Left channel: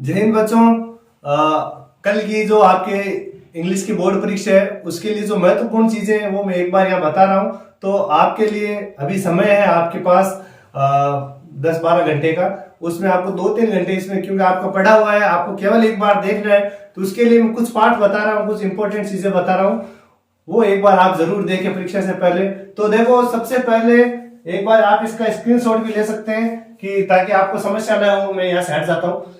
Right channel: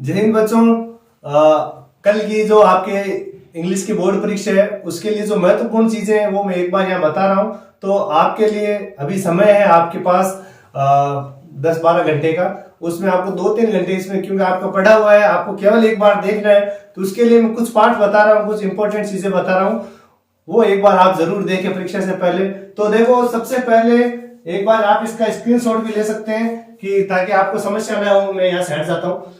जय हिंद बच्चों। कल की जो आपके इंग्लिश की बोर्ड परीक्षा है उसके लिए जो महत्वपूर्ण चीजें हैं वो मैं एक बार यहाँ बता रहा हूँ। तो आपके लिए अभी समय है आपके पास 10-12 घंटे का। उसमें आपको 2-3 घंटे इसमें, क्योंकि आपका पढ़ा हुआ है, आपको केवल एक बार देखना है। तो उसके लिए मैं कुछ पाठ बता रहा हूँ, कुछ इंपॉर्टेंट चीजें बता रहा हूँ, वो एक बार आप जरूर देखें परीक्षा से पहले। तो देखो, सबसे पहले एक बार आप इसका स्क्रीनशॉट भी ले सकते हैं कि ताकि आपको समस्या ना हो। मैं यहाँ से हट जाता हूँ।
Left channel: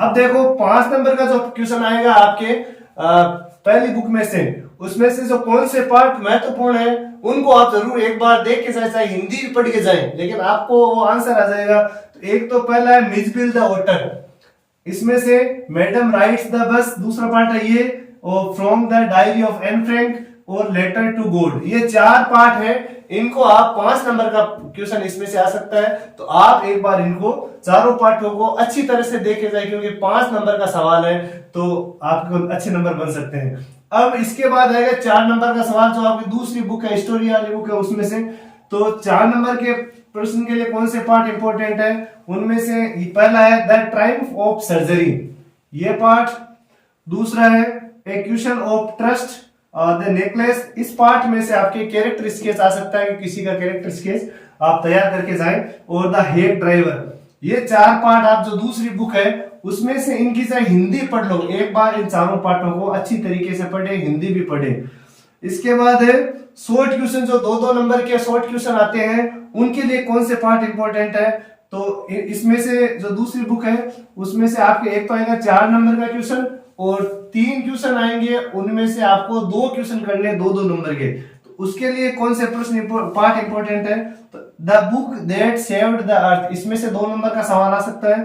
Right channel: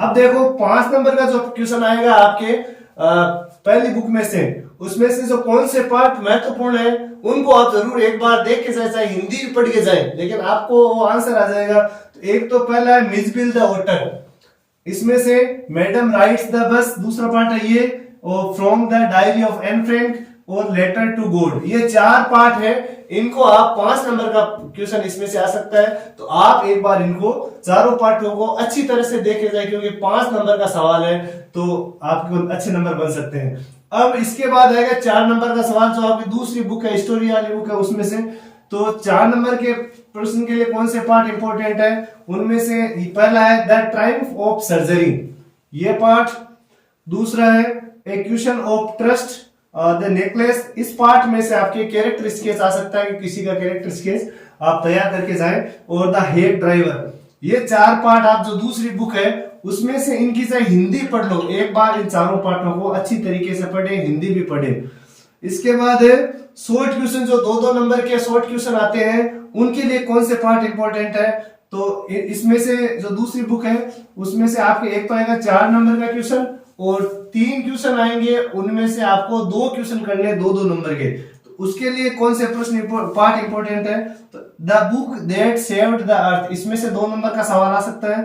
अब देखो, 5 नंबर का जो क्वेश्चन आएगा आपके पहली बुक में से, उसमें से जो कौन से पार्ट महत्वपूर्ण है उनको आप जरूर एक बार देख के जाए, चाहे हिंदी पढ़ के जाए, लेकिन आपको आंसर आ जाएगा। तो एक तो पहला है मिसबिल द ऑटर, इसमें से मैडम राइट्स द बस, दूसरा पार्ट है ये, और from the diary of Anne Frank और लेटर टू गॉड। ये 4 पार्ट है। इनको आप 5 नंबर का क्वेश्चन इसमें से आ सकता है। तो आप एक बार इनको चारों पार्टों को अच्छी तरह से देखे जाए, क्योंकि 5 नंबर का सवाल है, तो आपको अच्छे नंबर बन सकते हैं। अब इसके बाद आएगा 4 नंबर का सवाल, जो आपकी दूसरी बुक है, स्टोरी वाली बुक है, उसमें से। तो 4 नंबर के प्रश्न के लिए कौन से पार्ट इंपॉर्टेंट है, उनमें से पहला है द ट्रायम्फ ऑफ सर्जरी, ये पार्ट। दूसरा है a question of trust the necklace. इस पार्ट में से आपके कैरेक्टर स्केच आ सकता है कि किसी का कैरेक्टर स्केच आप तैयार करके जाएं। और द हेड ड्राइवर, ये 4 पार्ट आप जो दूसरी बुक है उसमें से इनकी चाहे हिंदी पढ़ लो, एक बार इन चारों पार्टों को अच्छी तरीके से पढ़े, हिंदी भी पढ़े। इसके बाद है शॉर्ट क्वेश्चन, जो 2-2 नंबर के शॉर्ट क्वेश्चन आते हैं, उनके लिए कौन से पार्ट इंपॉर्टेंट है। तो इसमें से जो दूसरी बुक है उसमें से आपके एक तो आएगा 4 नंबर का क्वेश्चन, और 3 क्वेश्चन आएंगे, उनमें से आपको 2 क्वेश्चन करने 2-2 नंबर के। तो उसके लिए कौन से प्रश्न पार्ट इंपॉर्टेंट है, तो the book that saved the earth, इसमें से 2 नंबर का सवाल आ सकता है।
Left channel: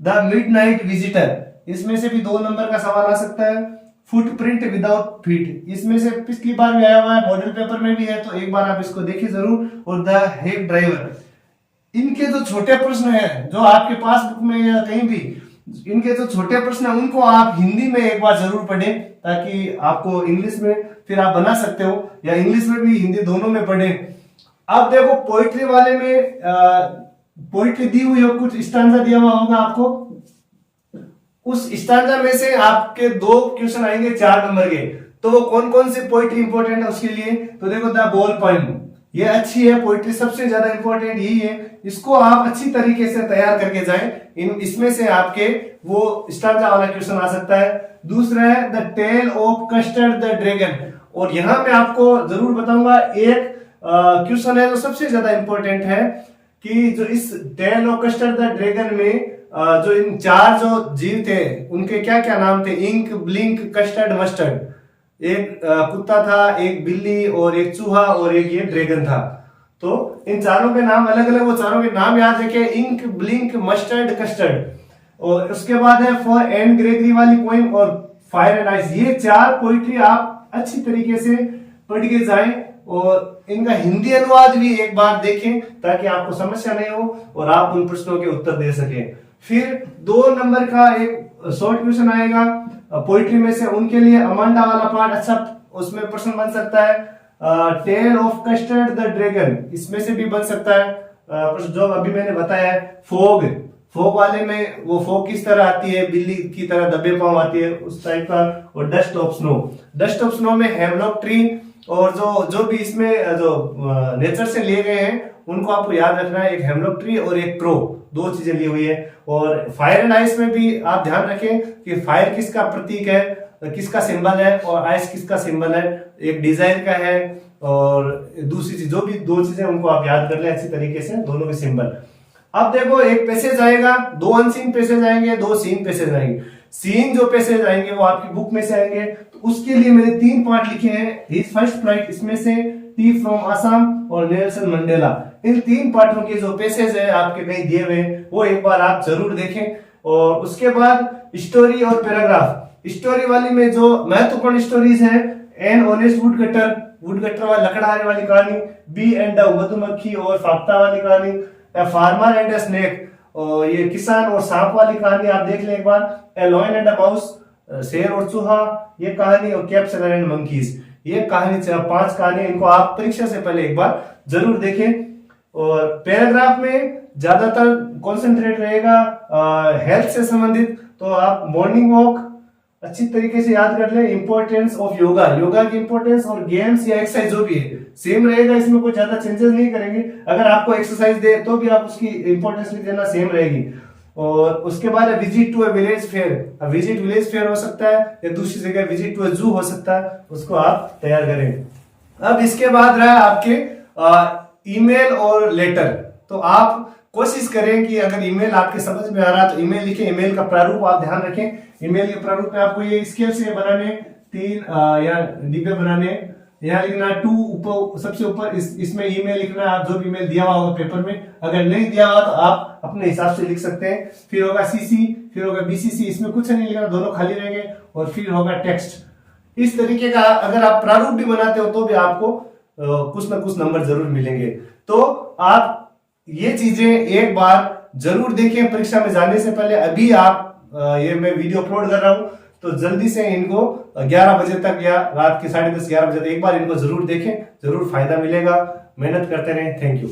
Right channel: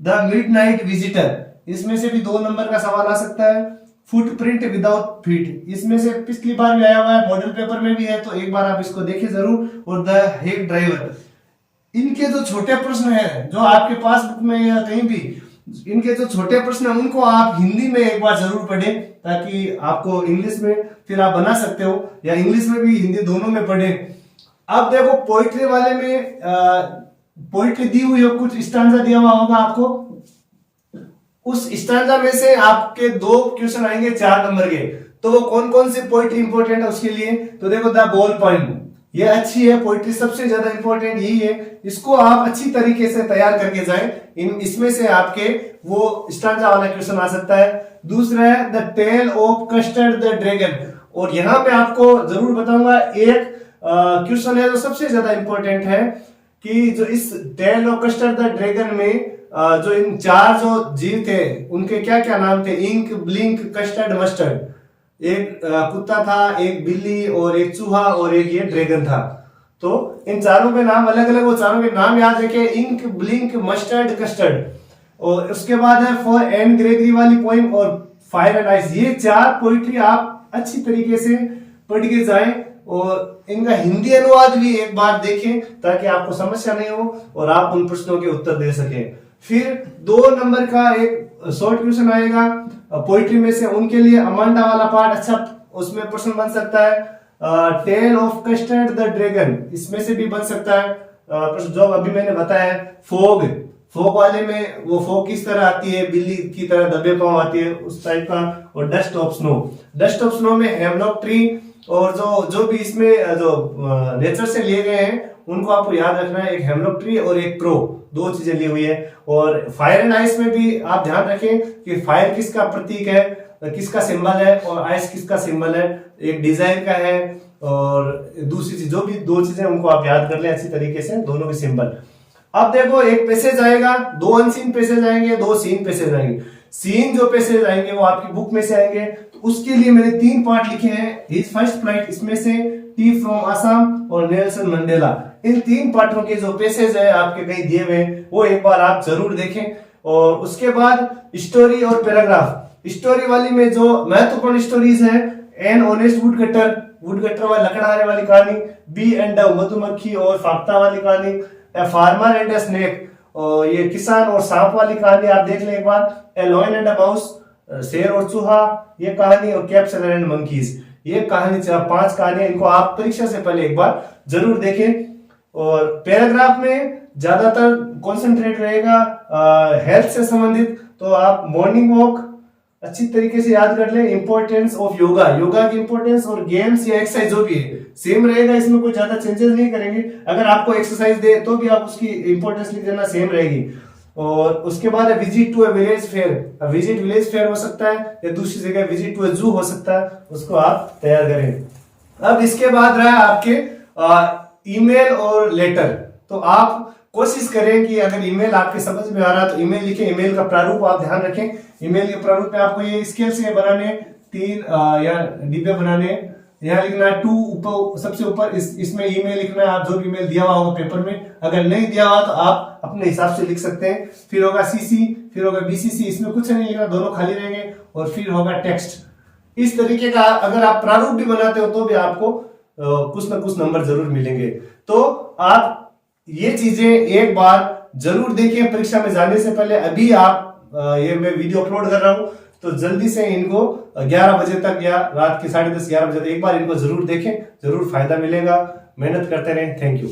द मिडनाइट विजिटर, इसमें से भी 2 नंबर का सवाल आ सकता है। फुटप्रिंट विदाउट फीट, इसमें से पिछली बार भी आया हुआ है, मॉडल पेपर में भी है, तो एक बार आप इसको देखिए जरूर। और द हेड ड्राइवर, इनके जो छोटे प्रश्न है जो आपके पास बुक में या कहीं भी, इनके जो छोटे प्रश्न है उनको आप हिंदी में एक बार जरूर पढ़ें, ताकि आपको इंग्लिश में फिर आप बना सकते हो, या इंग्लिश में भी हिंदी दोनों में पढ़ें। अब देखो, पोइट्री वाले में पोइट्री दी हुई हो, कुछ स्टैंजा दिया हुआ होगा आपको, उस स्टैंजा में से आपके 2 क्वेश्चन आएंगे 4 नंबर के। तो वो कौन कौन सी पोइट्री इंपॉर्टेंट है उसके लिए, तो देखो द बॉल पोएम, ये अच्छी है पोइट्री, सबसे ज्यादा इंपॉर्टेंट यही है। इसको आप अच्छी तरीके से तैयार करके जाएं। इसमें से आपके वो स्टैंजा वाला क्वेश्चन आ सकता है। दूसरा है the tale of Custard the Dragon, और यहाँ पे आपको जरूर बताऊंगा एक क्वेश्चन है जो सबसे ज्यादा इंपॉर्टेंट है, कि जो इस tale of Custard the Dragon में जो इन 4 जो जीव थे उनके क्या क्या नाम थे, इंक, ब्लिंक, कस्टर्ड, मस्टर्ड। एक कुत्ता था, एक बिल्ली, और एक चूहा, और एक ये ड्रैगन था। तो इन चारों के नाम अलग अलग, वो चारों के नाम याद रखें, इंक, ब्लिंक, मस्टर्ड, कस्टर्ड। और उसके बाद है फॉर एंड ग्रेगरी वाली पोइम, और फायर एंड आइस। ये 4 पोइट्री आप अच्छी तरीके से पढ़ के जाएं, और इनका हिंदी अनुवाद भी एक बार देखें, ताकि आपको समस्या नहीं हो और आप उन प्रश्नों के उत्तर दे सकें। फिर 2 नंबर का एक शॉर्ट क्वेश्चन आएगा पोइट्री में से, उनके लिए अमांडा वाला पार्ट अच्छा, उसमें प्रश्न बन सकता है। Tale of Custard the Dragon, इसमें से भी बन सकता है प्रश्न, जो अभी मैंने बताया है। फोग, फोग वाले में वो फोग किस तरह आती है, बिल्ली की तरह दबे पांव आती है, उस टाइप का। और dust of snow, dust of snow में हेमलॉक ट्री, और जो भी इसमें जो नेचर से लिए गए हैं उनको आपको याद रखना है, एक हेमलॉक ट्री और एक क्रो, 2 चीजें ली हुई है। और फायर एंड आइस में भी आप ध्यान रखें कि फायर किसका प्रतीक है, किसका सिंबल है, और आइस किसका सिंबल है, एक डिजाइन का है, और दूसरी चीज, जो भी 2 चीजें उनको आप याद कर लें अच्छी तरीके से, दोनों के सिंबल। अब देखो, एक पैसेज आएगा, 2 अनसीन पैसेज आएंगे, 2 सीन पैसेज आएंगे। सीन जो पैसेज आएंगे वो आपकी बुक में से आएंगे, तो उसके लिए मैंने 3 पार्ट लिखे हैं। हिज फर्स्ट फ्लाइट, इसमें से टी फ्रॉम असम और नेल्सन मंडेला। इन 3 पार्टों के जो पैसेज है आपके कहीं दिए हुए, वो एक बार आप जरूर देखें। और उसके बाद स्टोरी और पैराग्राफ। स्टोरी वाली में जो महत्वपूर्ण स्टोरीज है, एन ऑनेस्ट वुडकटर, वुडकटर वाली लकड़हारे वाली कहानी, बी एंड मधुमक्खी और फाख्ता वाली कहानी, a farmer and a snake, ये किसान और सांप वाली कहानी आप देख लें एक बार। ए लॉयन एंड अ माउस, शेर और चूहा, ये कहानी। और कैप्सन एंड मंकीज, ये कहानी, 5 कहानियां, इनको आप परीक्षा से पहले एक बार जरूर देखें। और पैराग्राफ में ज्यादातर कॉन्सेंट्रेट रहेगा हेल्थ से संबंधित। तो आप मॉर्निंग वॉक अच्छी तरीके से याद कर ले। इंपॉर्टेंस ऑफ योगा, योगा की इंपॉर्टेंस, और गेम्स या एक्सरसाइज जो भी है सेम रहेगा, इसमें कोई ज्यादा चेंजेस नहीं करेंगे। अगर आपको एक्सरसाइज दे तो भी आप उसकी इंपॉर्टेंस लिख देना, सेम रहेगी। और उसके बाद visit to a village fair, visit village fair हो सकता है या दूसरी जगह विजिट टू ए जू हो सकता है, उसको आप तैयार करें। अब इसके बाद रहा आपके ईमेल और लेटर। तो आप कोशिश करें कि अगर ईमेल आपके समझ में आ रहा है तो ईमेल लिखें। ईमेल का प्रारूप आप ध्यान रखें। ईमेल के प्रारूप में आपको ये स्केल से बनाने, 3 या डिब्बे बनाने। यहाँ लिखना 2 ऊपर, सबसे ऊपर इसमें ईमेल लिखना है, आप जो भी ईमेल दिया हुआ होगा पेपर में। अगर नहीं दिया हुआ तो आप अपने हिसाब से लिख सकते हैं। फिर होगा सीसी, फिर होगा बीसीसी, इसमें कुछ नहीं लिखना, दोनों खाली रहेंगे। और फिर होगा टेक्स्ट। इस तरीके का अगर आप प्रारूप भी बनाते हो तो भी आपको कुछ ना कुछ नंबर जरूर मिलेंगे। तो आप ये चीजें एक बार जरूर देखें परीक्षा में जाने से पहले। अभी आप ये मैं वीडियो अपलोड कर रहा हूं तो जल्दी से इनको 11 बजे तक या रात के 10:30 11 बजे तक एक बार इनको जरूर देखें, जरूर फायदा मिलेगा। मेहनत करते रहें। Thank you.